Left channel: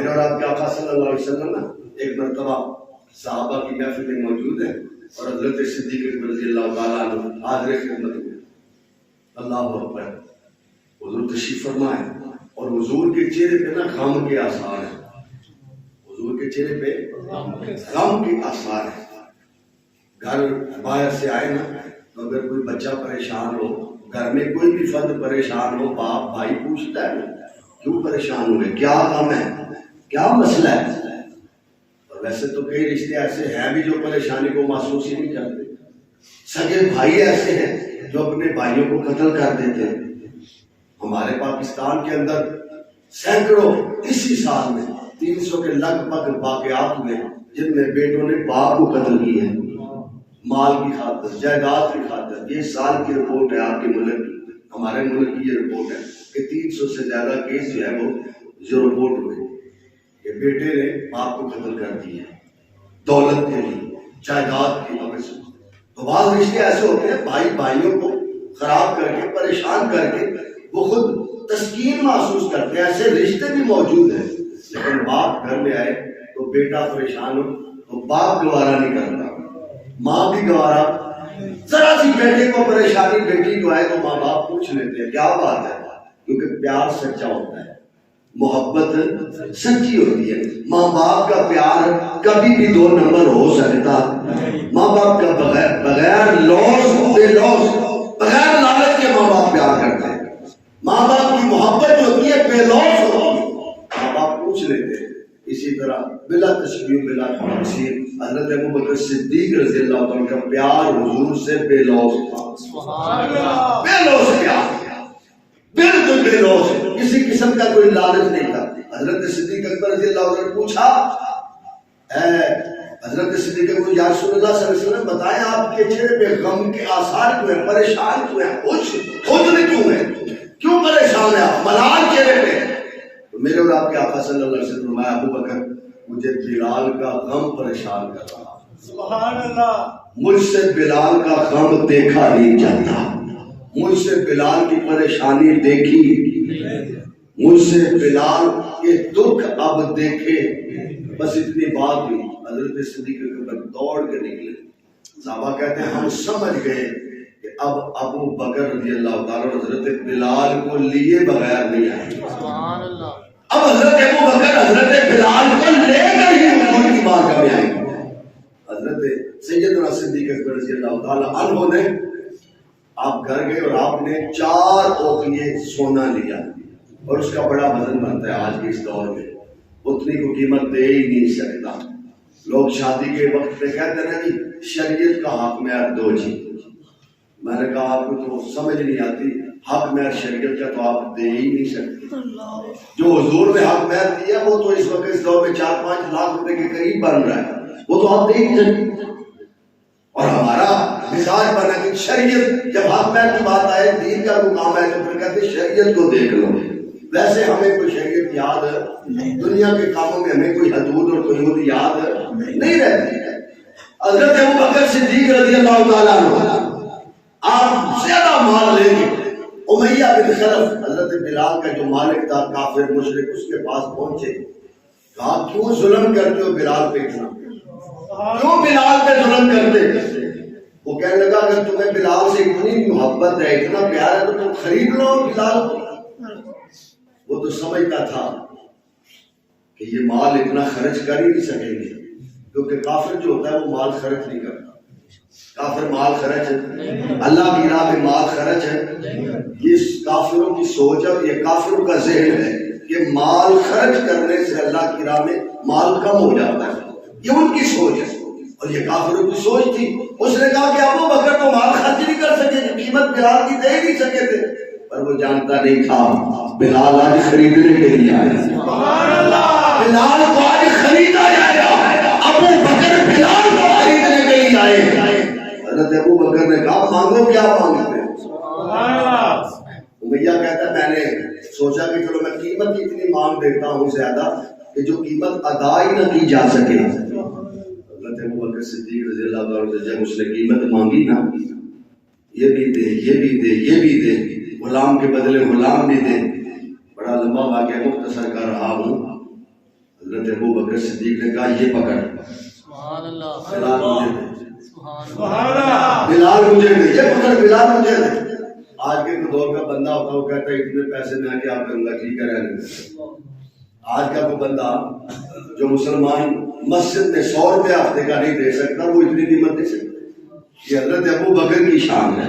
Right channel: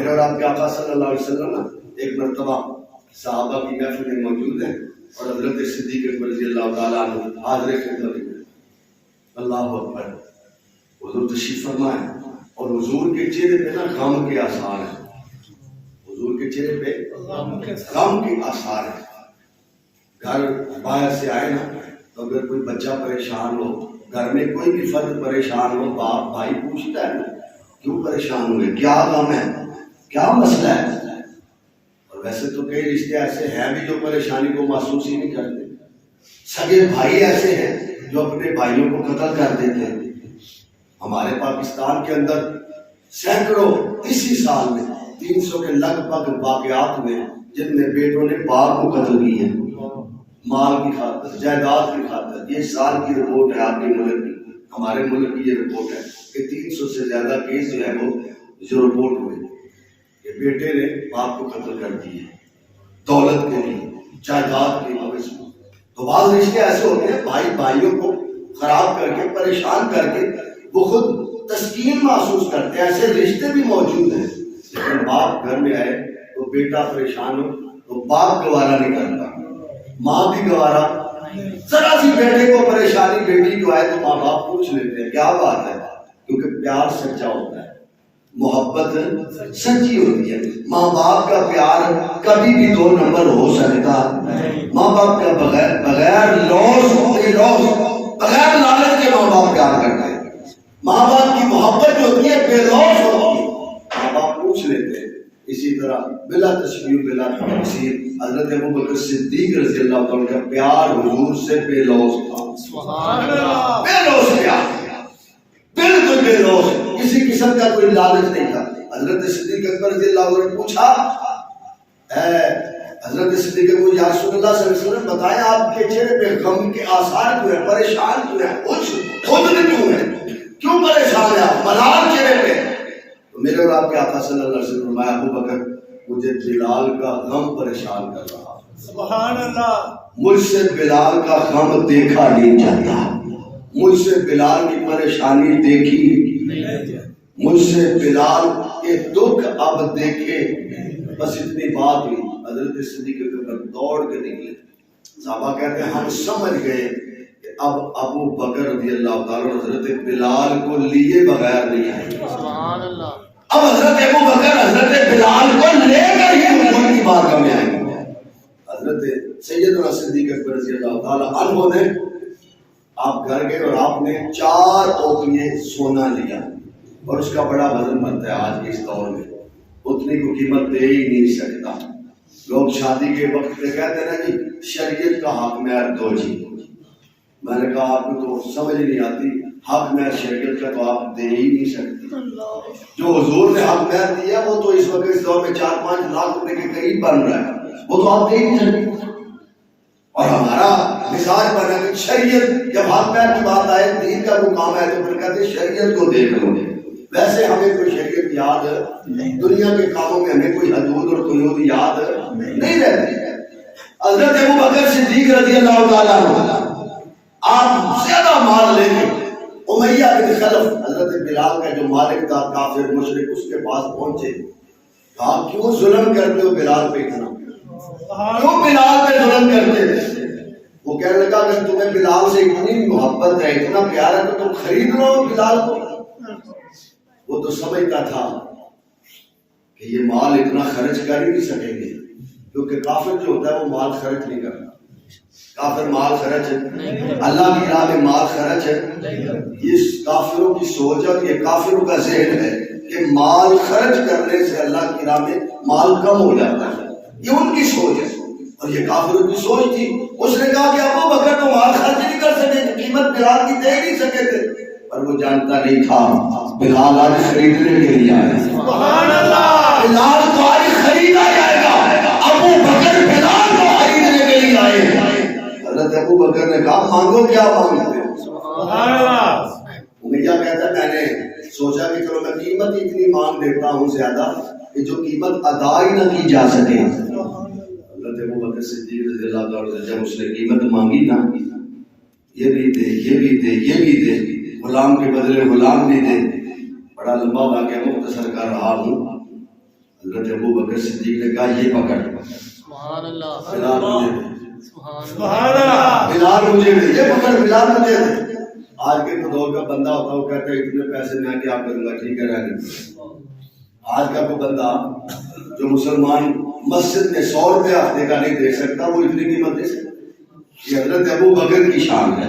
میرے اور آپ کے آقا صلی اللہ علیہ وسلم نا ایک مرتبہ صحابہ کی محفل میں موجود ہیں اور حضرت صدیق اکبر رضی اللہ تعالیٰ عنہ حاضر خدمت میں. اللہ اکبر. حضور تشریف فرما ہے اور حضور کے چہرے پہ نا غم کے آثار ہیں. حضور کے چہرے پہ غم کے آثار ہیں. گھر باہر سے آئے نا تو اگر کوئی بچہ پریشان ہو, گھر میں کوئی بھی فرد پریشان ہو, باپ بھائی پوچھتا ہے کیوں پریشان ہوئے, کیا غم ہے, کیا مسئلہ ہے. اور ویسے تو کئی رشتے ایسے ہیں بھی جو پریشانی کو محسوس ہی نہیں کرتے. سگے بھائی ایسے ہیں جو اپنے بھائیوں کو قتل کر دیتے ہیں. ہمارے پاکستان کے اندر سینکڑوں اسی سال میں 300 کے لگ بھگ واقعات ہوئے جن میں بیٹوں نے باپ کو قتل کیے ہیں مال کی خاطر, جائیداد کی خاطر. یہ سال کی رپورٹ ہے آپ کے ملک کی, ہمارے ملک کی یہ رپورٹ ہے کہ 300 سے زیادہ کیس جو ہے وہ جو رپورٹ ہوئے کہ بیٹے نے باپ کو قتل کر دیے دولت کے لیے, جائیداد کے عوض میں. تو بعض رشتے ایسے ہوتے ہیں بھائی بھائیوں کو خراب کر کے پریشان کر کے وہ خود تسکین محسوس کرتے ہیں. ایسے رشتے بھی موجود ہیں. لیکن باپ گھر میں آئے تو بیٹا پریشان ہو تو باپ گوارا نہیں کرتا, ماں بھی گوارا. ذرا سی بیٹے کو پریشانی بیٹی کو آئے تو ماں باپ پوچھ لیتے ہیں کیا بات ہے, کیونکہ پیار سچا ہوتا ہے, محبت سچی ہوتی ہے. ماں باپ کا پیار کبھی بھی 2 نمبر ہو سکتا. ماں باپ کا بغیر لوس بغیر لالچ کے ماں باپ پیار کرتے ہیں. ماں باپ کی محبت جو ہوتی ہے بے لوس ہوتی ہے, ماں باپ پوچھ لیتے ہیں. اسی طرح بلا تشبیہ بلا تمثیل حضرت ابوبکر صدیق رضی اللہ عنہ کا پیار حضور سے بے لوس تھا. سبحان اللہ. بے لوس پیار, بالکل بے لوس, کسی قسم کا کوئی لالچ نہیں تھا. حضرت صدیق اکبر رضی اللہ عنہ نے پوچھا حضرت صدیق اکبر یا رسول اللہ صلی اللہ علیہ وسلم بتائیں آپ کے چہرے پہ غم کے آثار کیوں ہیں, پریشان کیوں ہیں, خود کیوں ہیں, کیوں پریشان ہیں آپ, ملال چہرے پہ. تو میرے اور آپ کے آقا صلی اللہ علیہ وسلم فرمایا ابوبکر مجھے بلال کا غم پریشان کر رہا. سبحان اللہ. مجھ سے بلال کا غم دیکھا نہیں جاتا, مجھ سے بلال کی پریشانی دیکھی, مجھ سے بلال کے دکھ اب دیکھے. بس اتنی بات ہوئی. حضرت صدیق اکبر دوڑ کے نکلے. صحابہ کہتے ہیں ہم سمجھ گئے کہ اب ابو بکر رضی اللہ تعالیٰ حضرت بلال کو لیے بغیر نہیں آئے. سبحان اللہ. اب حضرت ابو بکر حضرت بلال کو لے کر ہی حضور کی بارگاہ میں آئے. حضرت سیدنا صدیق اکبر رضی اللہ تعالیٰ عنہ نے آپ گھر گئے اور آپ نے 4 اوقیے سونا لیا اور اس کا بڑا وزن بنتا ہے آج کے اس دور میں, اتنی کو قیمت دے ہی نہیں سکتا. لوگ شادی کے وقت پہ کہتے ہیں جی شریعت کا حق مہر دو جی. میں نے کہا آپ کو تو سمجھ نہیں آتی, حق مہر شریعت کا تو آپ دے ہی نہیں سکتے. جو حضور نے حق مہر دیا وہ تو اس وقت اس دور میں 4-5 لاکھ روپے کے قریب بن رہا ہے, وہ تو آپ دے ہی نہیں سکتے. اور ہمارا مزاج بنا کہ شریعت جب حق مہر کی بات آئے, دین کا کوئی کام ہے تو پھر کہتے ہیں شریعت کو دیکھ لو. ویسے ہمیں کوئی شریعت یاد دنیا کے کاموں میں ہمیں کوئی حدود اور کوئی حدود یاد نہیں رہتی. حضرت ابوبکر صدیق رضی اللہ تعالیٰ عنہ آپ زیادہ مال لے کے امیہ بن خلف حضرت بلال کا جو مالک تھا کافر مشرک اس کے پاس پہنچے. کہا کیوں ظلم کرتے ہو بلال پہ اتنا, کیوں بلال پہ ظلم کرتے. وہ کہنے لگا اگر تمہیں بلال سے اتنی محبت ہے اتنا پیار ہے تو تم خرید لو بلال کو. وہ تو سمجھتا تھا کہ یہ مال اتنا خرچ کر ہی نہیں سکیں گے, کیونکہ کافر جو ہوتا ہے وہ مال خرچ نہیں کرتا. کافر مال خرچ ہے, اللہ کی راہ میں مال خرچ ہے. یہ کافروں کی سوچ ہے, یہ کافروں کا ذہن ہے کہ مال خرچ کرنے سے اللہ کی راہ میں مال کم ہو جاتا ہے. یہ ان کی سوچ ہے اور یہ کافروں کی سوچ تھی. اس نے کہا کہ ابو بکر تو مال خرچ نہیں کر سکے, قیمت بلال کی دے نہیں سکے تھے. پر وہ جانتا نہیں تھا بلال آج خریدنے کے لیے آیا. بلال کو آج خریدا جائے گا. ابو بکر بلال کو خریدنے کے لیے آئے. حضرت ابو بکر نے کہا مانگو کیا مانگتے. امیہ کہتا ہے میں نے سوچا کہ چلو میں قیمت اتنی مانگ دیتا ہوں زیادہ کہ جو قیمت ادا ہی نہ کی جا سکے. حضرت ابو بکر صدیق رضی اللہ عنہ جب اس نے قیمت مانگی نا, یہ بھی دے یہ بھی دے یہ بھی دے, غلام کے بدلے غلام بھی دے. بڑا لمبا واقعہ مختصر کر رہا ہوں. حضرت ابو بکر صدیق نے کہا یہ پکڑ، بلال مجھے دے، بلال مجھے دے، یہ پکڑ بلال مجھے دے۔ آج کے دور کا بندہ ہوتا وہ کہتا ہے اتنے پیسے میں کیا کروں گا، ٹھیک ہے رہنے۔ آج کا کوئی بندہ جو مسلمان مسجد میں 100 روپے ہفتے کا نہیں دے سکتا وہ اتنی قیمت دے سکتا۔ یہ حضرت ابو بکر کی شان ہے،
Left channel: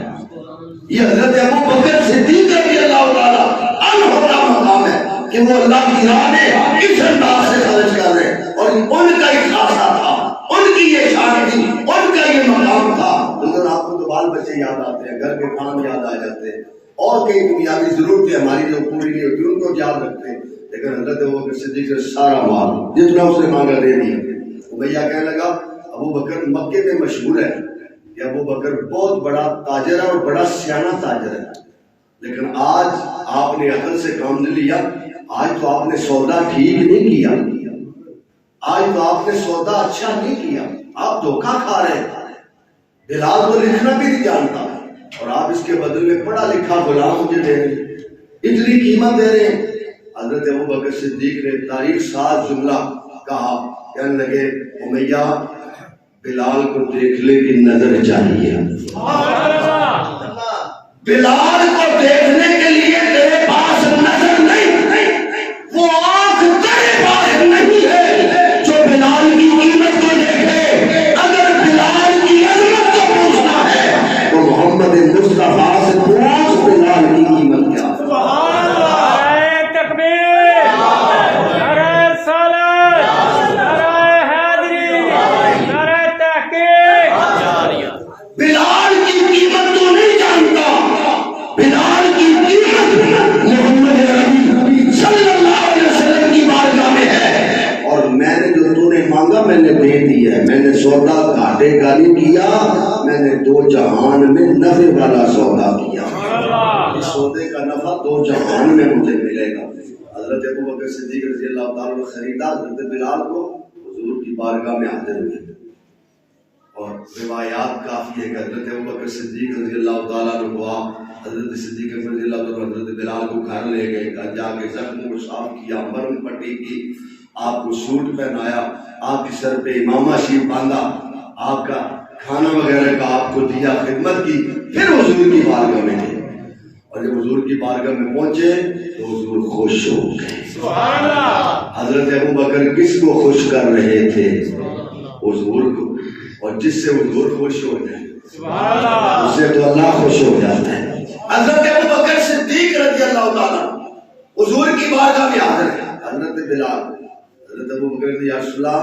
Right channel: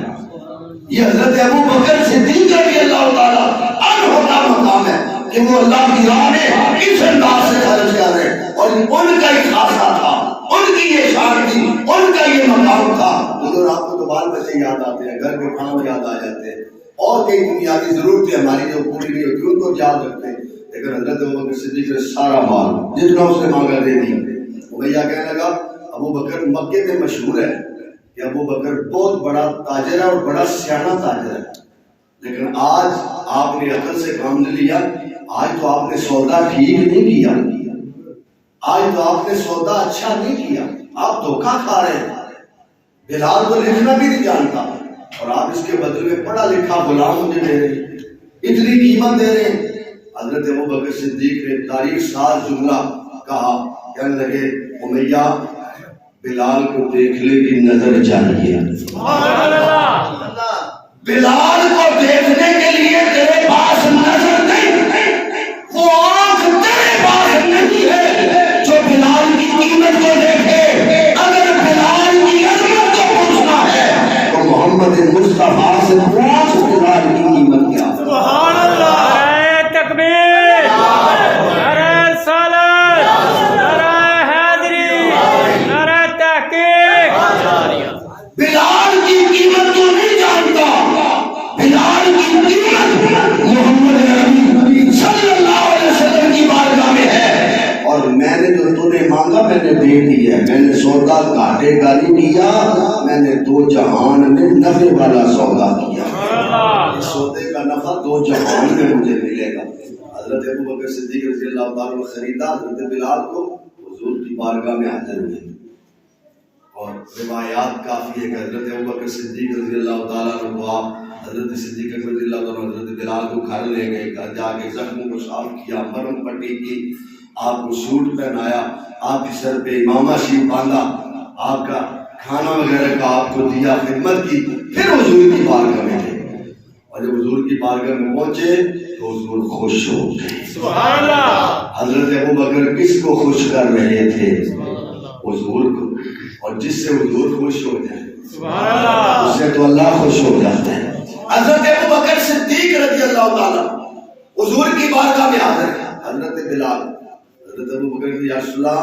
یہ حضرت ابو بکر صدیق رضی اللہ تعالیٰ عنہ کا مقام ہے کہ وہ اللہ کی راہ میں اس انداز سے خرچ کر رہے ہیں، اور ان کا ہی خاصہ تھا، ان کی یہ شان تھی، ان کا یہ مقام تھا۔ حضور آپ کو تو بال بچے یاد آتے ہیں، گھر کے کام یاد آ جاتے ہیں، اور کئی دنیاوی ضرورتیں ہماری جو پوری نہیں ہوتی ان کو یاد رکھتے ہیں، لیکن حضرت ابو بکر صدیق نے سارا مال جتنا اس نے مانگا دے دیا۔ امیہ کہنے لگا ابو بکر مکے میں مشہور ہے کہ ابو بکر بہت بڑا تاجر ہے اور بڑا سیاح تاجر ہے، لیکن آج آپ نے عقل سے کام نہیں لیا، آج تو آپ نے سودا ٹھیک نہیں کیا، آج تو آپ نے سودا اچھا نہیں کیا، آپ دھوکہ کھا رہے ہیں۔ بلال تو لکھنا بھی نہیں جانتا اور آپ اس کے بدل میں پڑھا لکھا غلام مجھے دے رہے ہیں، اتنی قیمت دے رہے ہیں۔ حضرت ابو بکر صدیق نے تاریخ ساز جملہ کہا، کہنے لگے امیہ بلال کو دیکھنے کی نظر چاہیے، بلال کو دیکھنے کے لیے تیرے پاس نظر نہیں، وہ آنکھ تیرے پاس نہیں ہے جو بلال کی قیمت کو دیکھے۔ اگر بلال کی عظمت کو پوچھنا ہے تو محمد مصطفیٰ سے پوچھ بلال کی قیمت کیا ہے۔ بلال کی قیمت تو نہیں جانتا، بلال کی قیمت محمد نبی صلی اللہ علیہ وسلم کی بارگاہ میں ہے، اور میں نے جو تو نے مانگا میں نے دے دی ہے، میں نے سودا گھاٹے کا نہیں کیا، میں نے دو جہان میں نفع والا سودا کیا، اس سودے کا نفع دو جہان میں مجھے ملے گا۔ حضرت ابو بکر صدیق رضی اللہ تعالیٰ عنہ خریدا حضرت بلال کو، حضور کی بارگاہ میں حاضر ہوئے، اور روایات کافی ہے کہ حضرت ابوبکر صدیق رضی اللہ تعالیٰ عنہ کو آپ حضرت صدیق اکبر رضی اللہ تعالیٰ عنہ حضرت بلال کو گھر لے گئے، گھر جا کے زخموں کو صاف کیا، مرہم پٹی کی، آپ کو سوٹ پہنایا، آپ کے سر پہ امامہ شریف باندھا، آپ کا کھانا وغیرہ کا آپ کو دیا، خدمت کی، پھر حضور کی بارگاہ میں گئے، اور جب حضور کی بارگاہ میں پہنچے تو حضور خوش ہو گئے۔ حضرت ابوبکر کس کو خوش کر رہے تھے؟ حضور کو، اور جس سے حضور خوش ہو جائے اس سے تو اللہ خوش ہو جاتا ہے۔ حضرت ابوبکر صدیق رضی اللہ تعالیٰ حضور کی بارگاہ میں حاضر ہے، حضرت بلال، حضرت ابوبکر نے یا رسول اللہ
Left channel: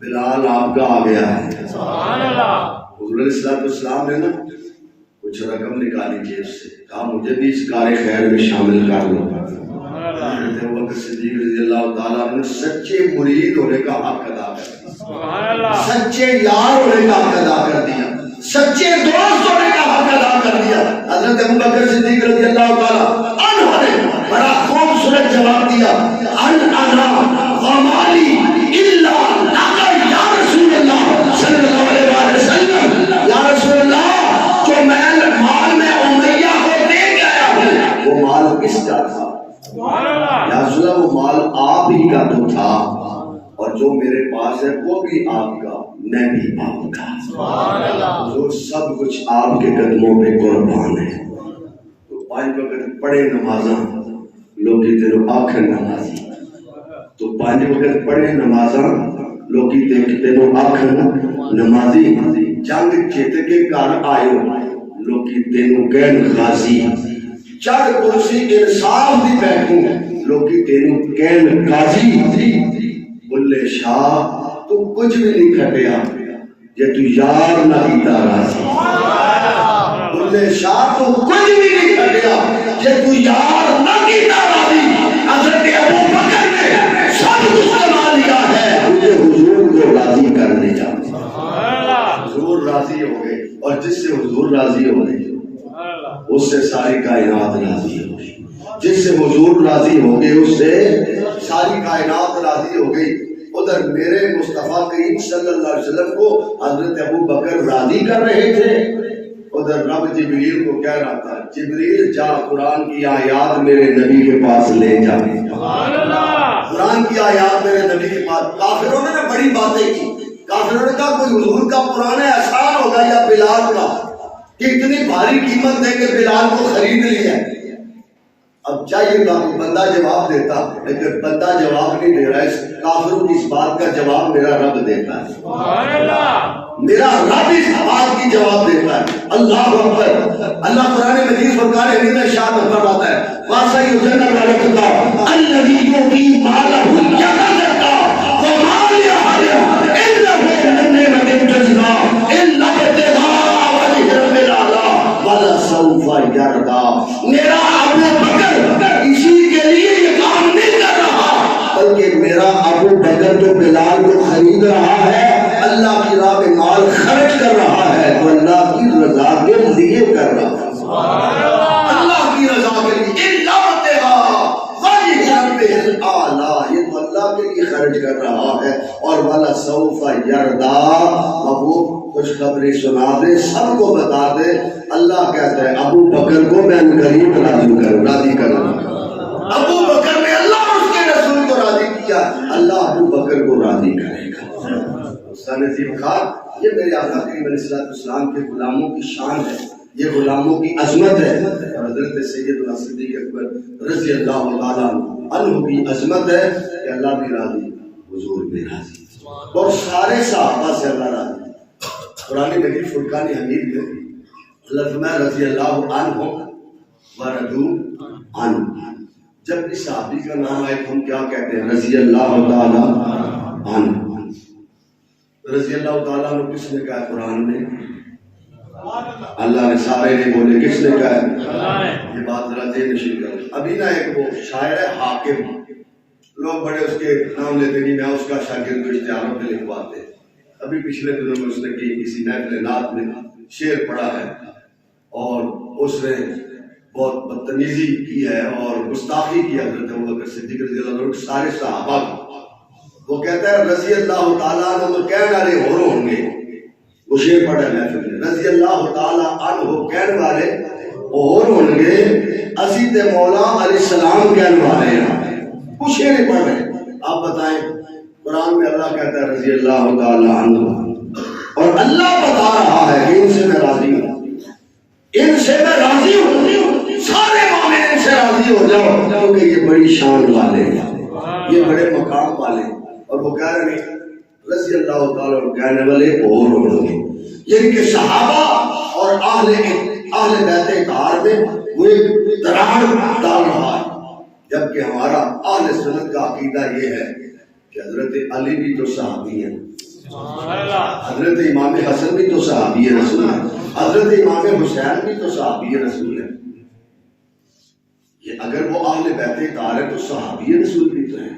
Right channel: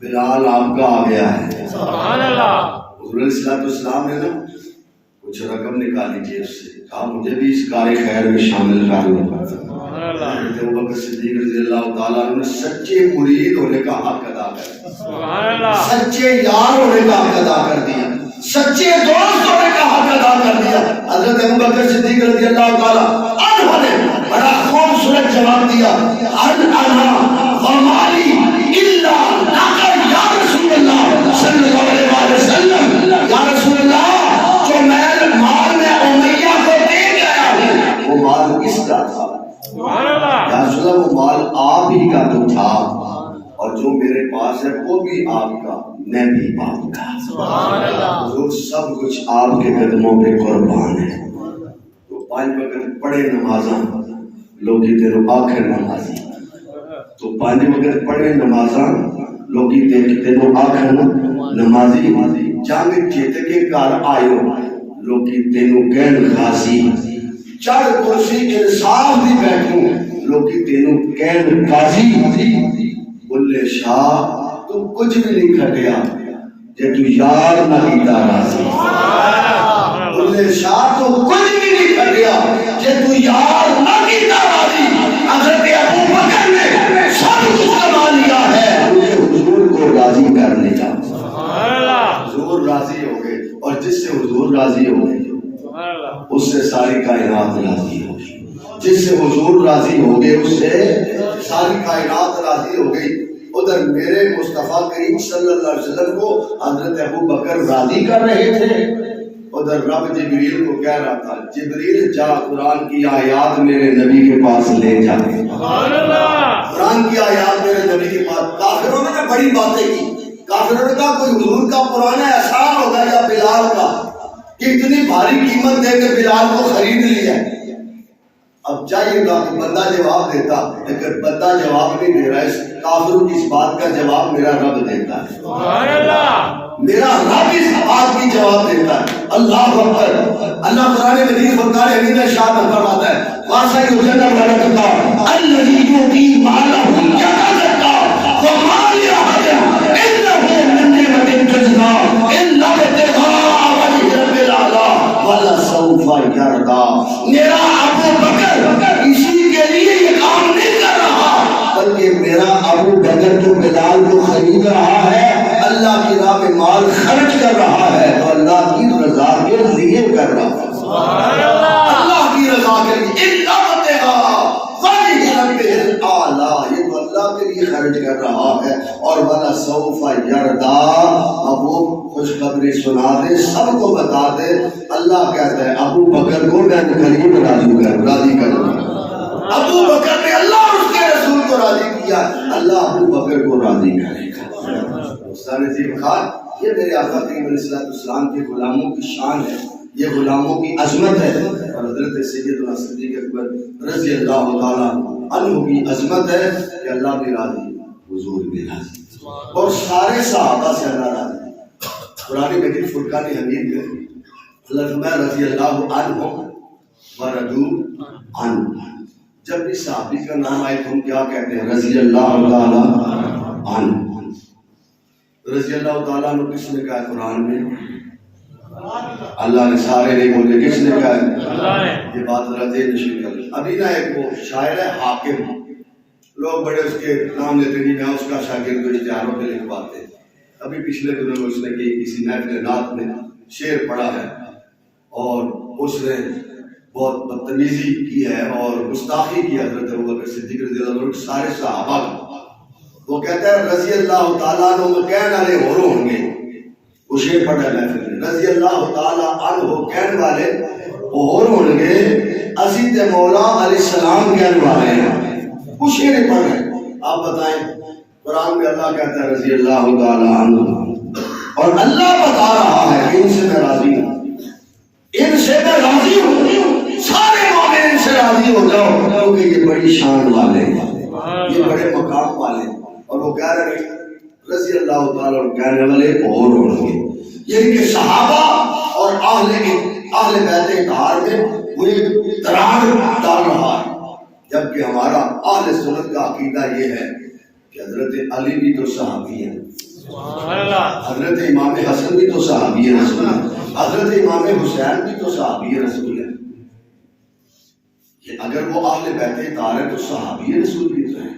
بلال آپ کا آ گیا ہے۔ حضور علیہ السلام نے نا کچھ رقم نکالی جیب سے، کہا مجھے بھی اس کار خیر میں شامل کر لو۔ حضرت ابوبکر صدیق رضی اللہ تعالیٰ عنہ نے سچے مرید ہونے کا حق ادا کر دیا، سچے یار ہونے کا حق ادا کر دیا، سچے دوست ہونے کا حق ادا کر دیا۔ حضرت ابوبکر صدیق رضی اللہ تعالیٰ عنہ نے بڑا خوبصورت جواب دیا، ان انا ومالی الا لک یا رسول اللہ صلی اللہ علیہ وسلم، یا رسول اللہ جو مال میں امیہ کو دے گیا ہوں وہ مال کس کا تھا؟ یا رسول اللہ وہ مال آپ ہی کا تو تھا، اور جو میرے پاس ہے وہ بھی آپ کا، میں بھی آپ کا۔ حضور سب کچھ آپ کے قدموں پہ قربان ہے۔ تو 5 وقت پڑھے نمازاں لوگی تیرو آخر نمازی، تو 5 وقت پڑھے نمازاں لوگی تیرو آخر نمازی، جنگ جیت کے گھر آئیو لوگی تینو کہن غازی، چڑھ کرسی انصاف دی بیٹھوں لوگی تینو کہن غازی، بلے شاہ تو کچھ بھی نہیں کھٹیا جے تو یار نہ کیتا راضی، بلے شاہ تو کچھ بھی نہیں کھٹیا جے تو یار نہ کیتا راضی۔ حضرت ابوبکر نے سب کچھ کما لیا ہے، مجھے حضور کو راضی کر دیا، حضور راضی ہو گئے، اور جس سے حضور راضی ہو گئے اس سے ساری کائنات راضی ہو گئی، جس سے حضور راضی ہو گئے اس سے ساری کائنات راضی ہو گئی۔ ادھر میرے مصطفیٰ کریم صلی اللہ علیہ وسلم کو حضرت ابوبکر راضی کر رہے تھے، ادھر رب جبریل کو کہہ رہا تھا جبریل جا قرآن کی آیات میرے نبی کے پاس لے جا۔ قرآن کی آیات میرے نبی کے پاس، کافروں نے بڑی باتیں کی، کافروں نے کہا کوئی حضور کا پرانا احسان ہوگا یا بلال کا کہ اتنی بھاری قیمت دے کے بلال کو خرید لیا۔ اب چاہیے گا کہ بندہ جواب دیتا، لیکن بندہ جواب نہیں دے رہا ہے، کافروں کی اس بات کا جواب میرا رب دیتا ہے، میرا رب اس بات کی جواب دیتا ہے۔ اللہ اکبر۔ اللہ قرآن مجید فرقان حمید میں ارشاد فرماتا ہے وَاسَا يُؤْتِي اللَّهُ الَّذِي يُؤْتِي مَالَهُ يَتَزَكَّىٰ وَمَا لِأَحَدٍ عِندَهُ مِن نِّعْمَةٍ تُجْزَىٰ إِلَّا ابْتِغَاءَ وَجْهِ رَبِّ الْأَعْلَىٰ وَلَسَوْفَ يَرْضَىٰ۔ میرا ابو بکر اسی کے لیے یہ کام نہیں کر رہا، بلکہ میرا ابو بکر جو بلال کو خرید رہا ہے، اللہ کی راہ میں مال خرچ کر رہا ہے، تو اللہ کی رضا کے لیے کر رہا ہے، اللہ کی رضا کے لیے۔ یہ تو اللہ کے لیے خرچ کر رہا ہے۔ اور والا سوف یردا، اب وہ خوشخبری سنا دے، سب کو بتا دے۔ اللہ کہتا ہے ابو بکر کو میں قریب راضی کروں گا۔ ابو بکر نے اللہ اور اس کے رسول کو راضی کیا، اللہ ابو بکر کو راضی کرے گا۔ استاد نذیر خان، یہ میرے آقا کریم علیہ السلام کے غلاموں کی شان ہے، یہ غلاموں کی عظمت ہے، اور حضرت سیدنا صدیق اکبر رضی اللہ تعالیٰ عنہ کی عظمت ہے کہ اللہ بھی راضی، حضور بھی راضی، اور سارے صحابہ سے اللہ راضی۔ قرآن مجید فرقان حمید میں اللہ فرمایا رضی اللہ عنہ ورضوا عنہ۔ جب بھی صحابی کا نام آئے تو ہم کیا کہتے ہیں؟ رضی اللہ تعالیٰ عنہ۔ رضی اللہ تعالیٰ عنہ کس نے کہا قرآن میں؟ اللہ نے، سارے نے بولے کس نے کہا ہے؟ یہ بات ذرا ذہن نشین کر۔ ابھی نا ایک وہ شاعر ہے حاکم، لوگ بڑے اس کے نام لیتے نہیں، میں اس کا شاگرد کو اشتہاروں پہ لکھواتے۔ ابھی پچھلے دنوں میں اس نے کسی محفل نعت میں شعر پڑھا ہے، اور اس نے بہت بدتمیزی کی ہے اور گستاخی کی حضرت ابوبکر صدیق رضی اللہ عنہ سارے صحابہ کو۔ وہ کہتا ہے رضی اللہ تعالیٰ عنہ کہنے والے اور ہوں گے، وہ شعر پڑھا ہے محفل میں، رضی اللہ تعالیٰ عنہ کہنے والے اور ہوں گے، اسی تے مولا علیہ السلام کہنے والے ہیں، وہ شعر پڑھ رہے ہیں۔ آپ بتائیں قرآن میں اللہ کہتا ہے رضی اللہ تعالیٰ عنہ، اور اللہ بتا رہا ہے کہ ان سے میں راضی ہوں، ان سے میں راضی ہوں، سارے مومن ان سے راضی ہو جاؤ، کیونکہ یہ بڑی شان والے ہیں، یہ بڑے مقام والے ہیں۔ اور وہ کہہ رہے ہیں رضی اللہ تعالیٰ عنہ کہنے والے اور ہوں گے، یعنی کہ صحابہ اور اہل بیت اطہار میں وہ ایک دراڑ ڈال رہا ہے، جبکہ ہمارا اہل سنت کا عقیدہ یہ ہے کہ حضرت علی بھی تو صحابی ہیں، حضرت امام حسن بھی تو صحابی رسول ہیں، حضرت امام حسین بھی تو صحابی رسول ہیں۔ اگر وہ اہل بیت اطہار ہے تو صحابی رسول بھی تو ہیں،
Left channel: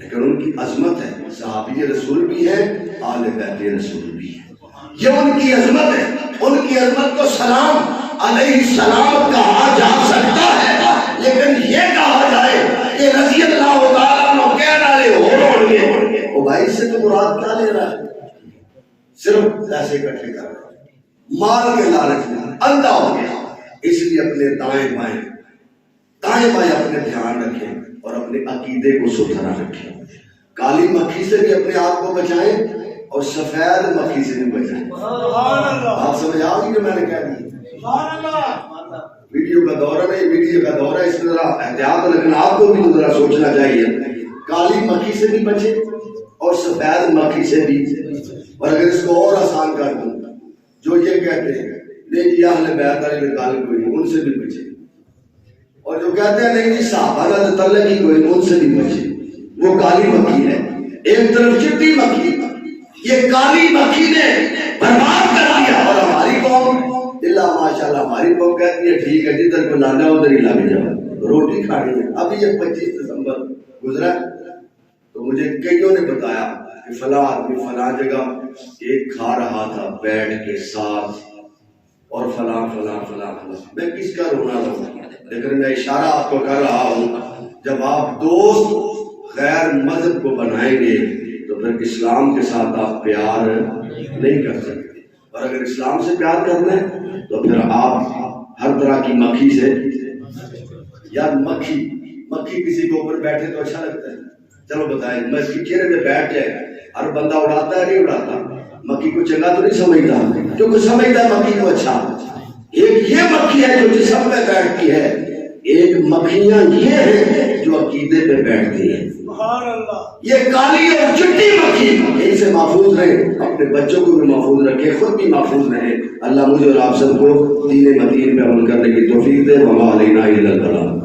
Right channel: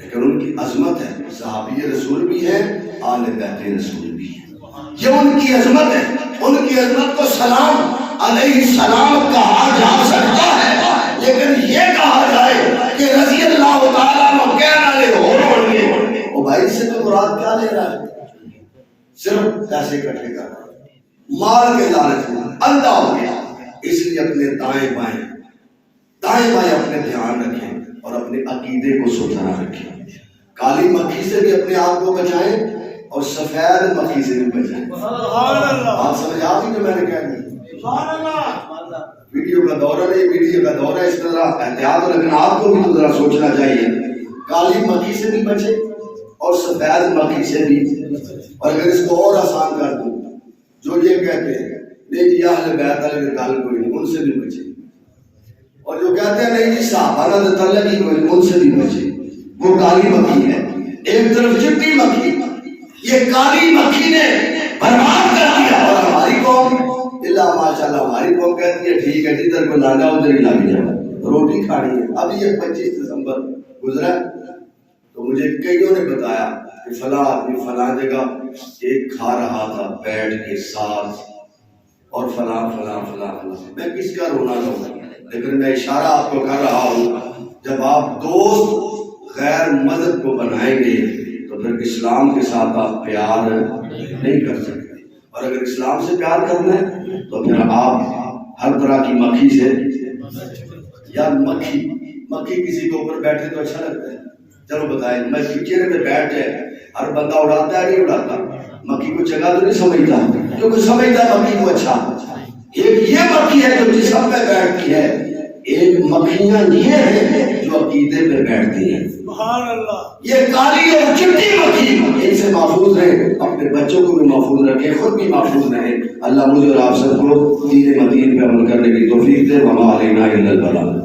لیکن ان کی عظمت ہے، صحابی رسول بھی ہے، اہل بیت رسول بھی ہے، یہ ان کی عظمت ہے۔ ان کی عظمت کو سلام علیہ السلام کہا جا سکتا ہے، لیکن یہ کہا جائے کہ رضی اللہ تعالیٰ عنہ کہنے والے ہوں گے، وہ بھائی سے تو مراد کیا لے رہا ہے؟ صرف پیسے اکٹھے کر رہا ہے، مال کے لالچ میں اندھا ہو گیا، اس لیے اپنے دائیں بائیں اپنے دھیان رکھیں اور اپنے عقیدے کو ستھرا رکھیں، کالی مکھی سے بھی اپنے آپ کو بچائیں اور سفید مکھی سے بھی بچائیں۔ بات سمجھ آ گئی جو میں نے کہہ دی؟ ویڈیو کا دورہ نہیں، ویڈیو کا دورہ اس طرح احتیاط، لیکن آپ کو بھی تو ذرا سوچنا چاہیے، کالی مکھی سے بھی بچے اور سفید مکھی سے بھی۔ اور اگر اس کو اور آسان کر دوں، جو یہ کہتے ہیں نہیں جی اہل بیت والے میں گل کوئی نہیں، ان سے بھی بچے، اور جو کہتے ہیں نہیں جی صحابہ کا تعلق ہی کوئی نہیں، ان سے بھی بچے، وہ کالی مکھی ہے۔ ایک طرف چٹی مکھی، یہ کالی مکھی نے برباد کر دیا، اور ہماری قوم اللہ ماشاءاللہ ہماری قوم کہتی ہے ٹھیک ہے جدھر کو لانا ادھر ہی لگ جاؤ، روٹی کھانی ہے۔ ابھی یہ 25 دسمبر گزرا تو مجھے کئیوں نے بتایا کہ فلاں آدمی فلاں جگہ ایک کھا رہا تھا بیٹھ کے ساتھ، اور فلاں فلاں فلاں فلاں۔ میں کس کا رونا رہوں، لیکن میں اشارہ آپ کو کر رہا ہوں، جب آپ دوست غیر مذہب کو بنائیں گے تو پھر اسلام کے ساتھ آپ پیار نہیں کر سکتے، اور اگر اسلام سے پیار کرنا ہے تو پھر آپ ہر طرح کی مکھی سے، یا مکھی کسی کے اوپر بیٹھے تو اچھا لگتا ہے، چلو بتائیں میں چہرے پہ بیٹھ جائے ہر بندہ اڑاتا ہے نہیں اڑاتا؟ مکھی کو چنگا تو نہیں سمجھتا کیونکہ سمجھتا ہے مکھی کو اچھا. ایک یہ مکھی ہے جو جسم پہ بیٹھتی ہے، ایک مکھیاں یہ ہیں جو عقیدے پہ بیٹھتی ہیں. یہ کالی اور چٹی مکھی، ان سے محفوظ رہیں، اپنے بچوں کو بھی محفوظ رکھیں، خود بھی محفوظ رہیں. اللہ مجھے اور آپ سب کو دین متین پہ عمل کرنے کی توفیق دے. وما علینا الا البلاغ.